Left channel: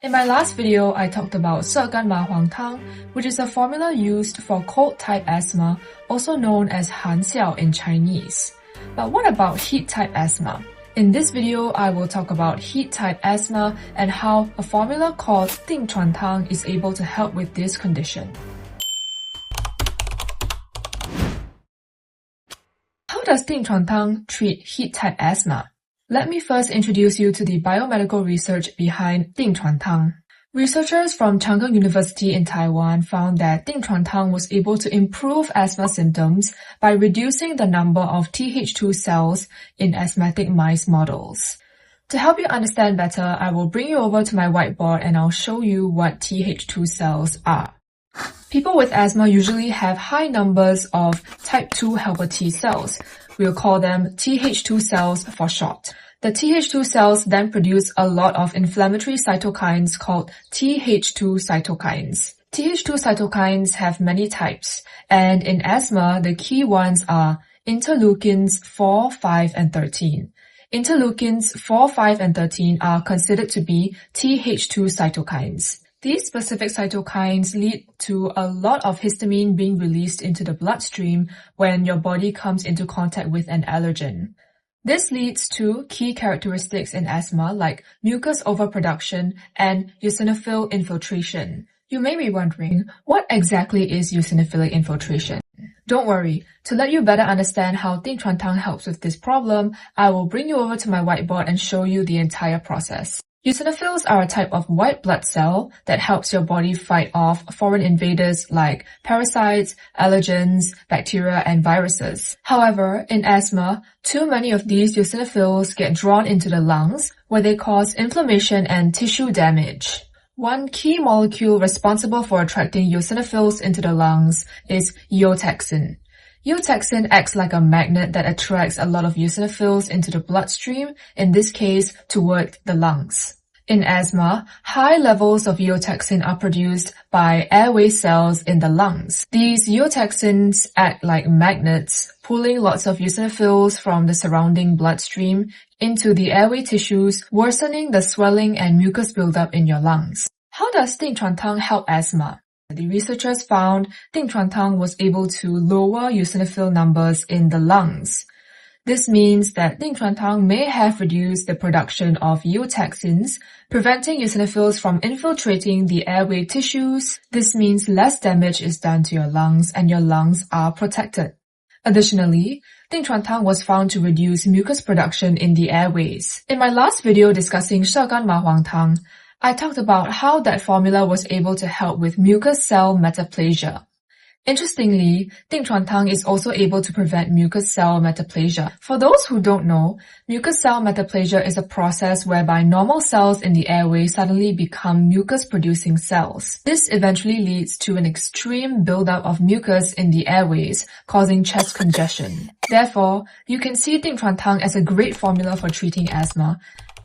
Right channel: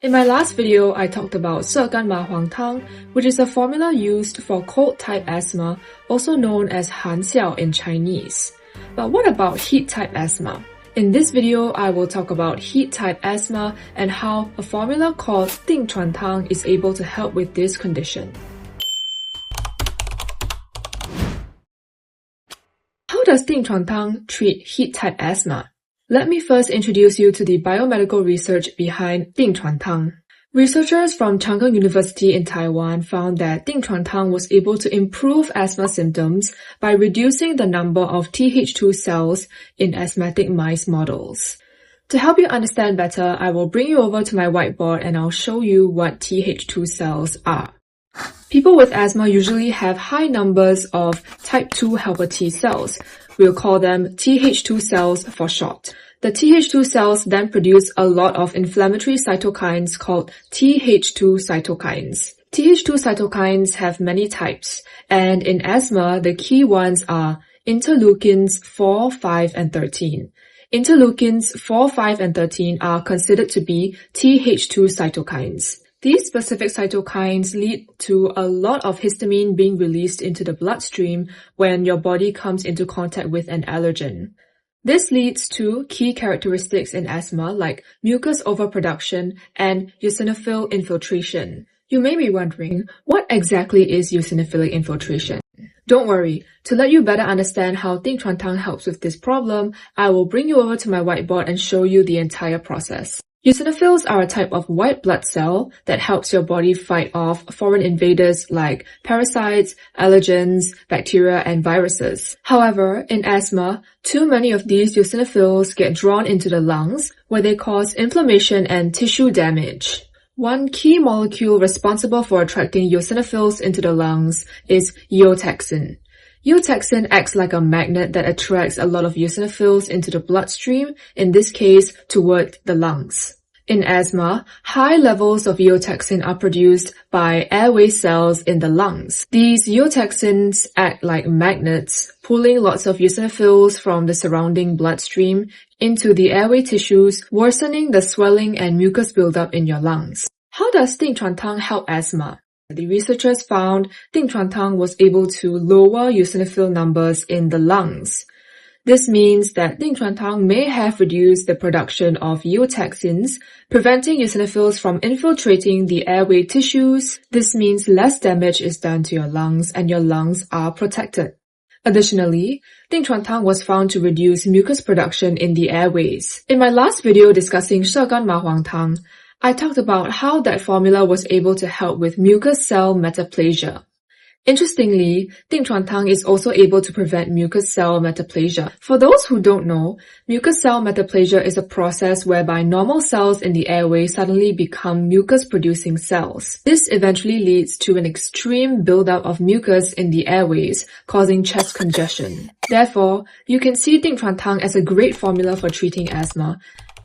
In my last video, I talked about 射干麻黄汤, which is a formula used for cold-type asthma, also known as 寒笑 in Chinese. But what about heat-type asthma? In this video, I will talk about heat-type asthma and how a formula called Ding Chuan Tang is able to help with this condition. How does Ding Chuan Tang treat heat-type asthma? Let me first introduce you to the biomedical research behind Ding Chuan Tang. Researchers from Chang'e University in Taiwan found that Ding Chuan Tang was able to improve asthma symptoms by reducing the number of Th2 cells in asthmatic mice models. To help you understand better, I will bring you over to my whiteboard and I'll show you what Th2 cells are. People with asthma usually have high numbers of type 2 helper T cells. We'll call them Th2 cells for short. The Th2 cells then produce a lot of inflammatory cytokines called Th2 cytokines. Th2 cytokines have many types, and in asthma, the key ones are interleukins 4, 5, and 13. Interleukins 4, 5, and 13 are considered to be Th2 cytokines. These specific cytokines lead to a lot of histamine being released into the bloodstream when your body comes into contact with an allergen. This leads to key characteristics in asthma like mucus overproduction and eosinophil infiltration. You may be wondering, what exactly is eosinophilic infiltration? Don't worry, to let you better understand how Ding Chuan Tang helps with this problem, I will bring you over to my whiteboard and show you the entire process. Eosinophils are a type of white blood cell that helps your body fight off foreign invaders like parasites, allergens, bacteria, and viruses. However, in asthma, too many of these eosinophils get drawn into the lungs, where they cause inflammation and tissue damage. One key molecule responsible for attracting eosinophils into the lungs is Eotaxin. Eotaxin acts like a magnet that attracts a lot of eosinophils into the bloodstream, in this case, toward the lungs. In asthma, high levels of Eotaxin are produced by airway cells in the lungs. These Eotaxins act like magnets, pulling lots of eosinophils from the surrounding bloodstream into the airway tissues, worsening the swelling and mucus buildup in your lungs. How does Ding Chuan Tang help asthma? The researchers found Ding Chuan Tang was able to lower eosinophil numbers in the lungs. This means that Ding Chuan Tang may have reduced the production of eotaxins, preventing eosinophils from infiltrating the airway tissues. This means less damage is done to your lungs and your lungs are protected. Additionally, Ding Chuan Tang was found to reduce mucus production in the airways. In my last video discussing 射干麻黄汤, I talked about how that formula was able to help with mucus cell metaplasia. Interestingly, Ding Chuan Tang is also able to prevent mucus cell metaplasia. For those who don't know, mucus cell metaplasia is a process whereby normal cells in the airway suddenly become mucus-producing cells. This eventually leads to an extreme buildup of mucus in the airways, causing chest congestion. Therefore, you can see Ding Chuan Tang as a great formula for treating asthma,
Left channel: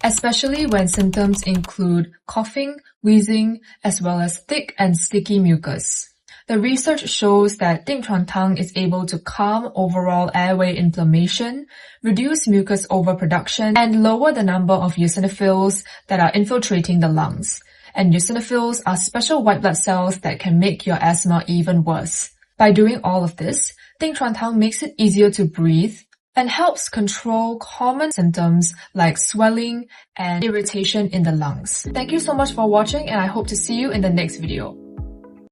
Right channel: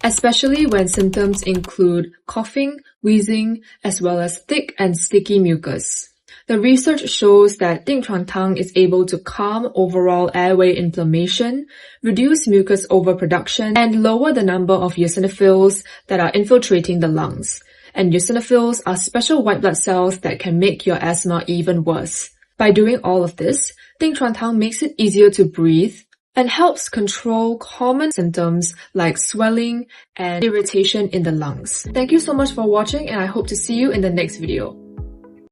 especially when symptoms include coughing, wheezing, as well as thick and sticky mucus. The research shows that Ding Chuan Tang is able to calm overall airway inflammation, reduce mucus overproduction, and lower the number of eosinophils that are infiltrating the lungs. And eosinophils are special white blood cells that can make your asthma even worse. By doing all of this, Ding Chuan Tang makes it easier to breathe and helps control common symptoms like swelling and irritation in the lungs. Thank you so much for watching, and I hope to see you in the next video.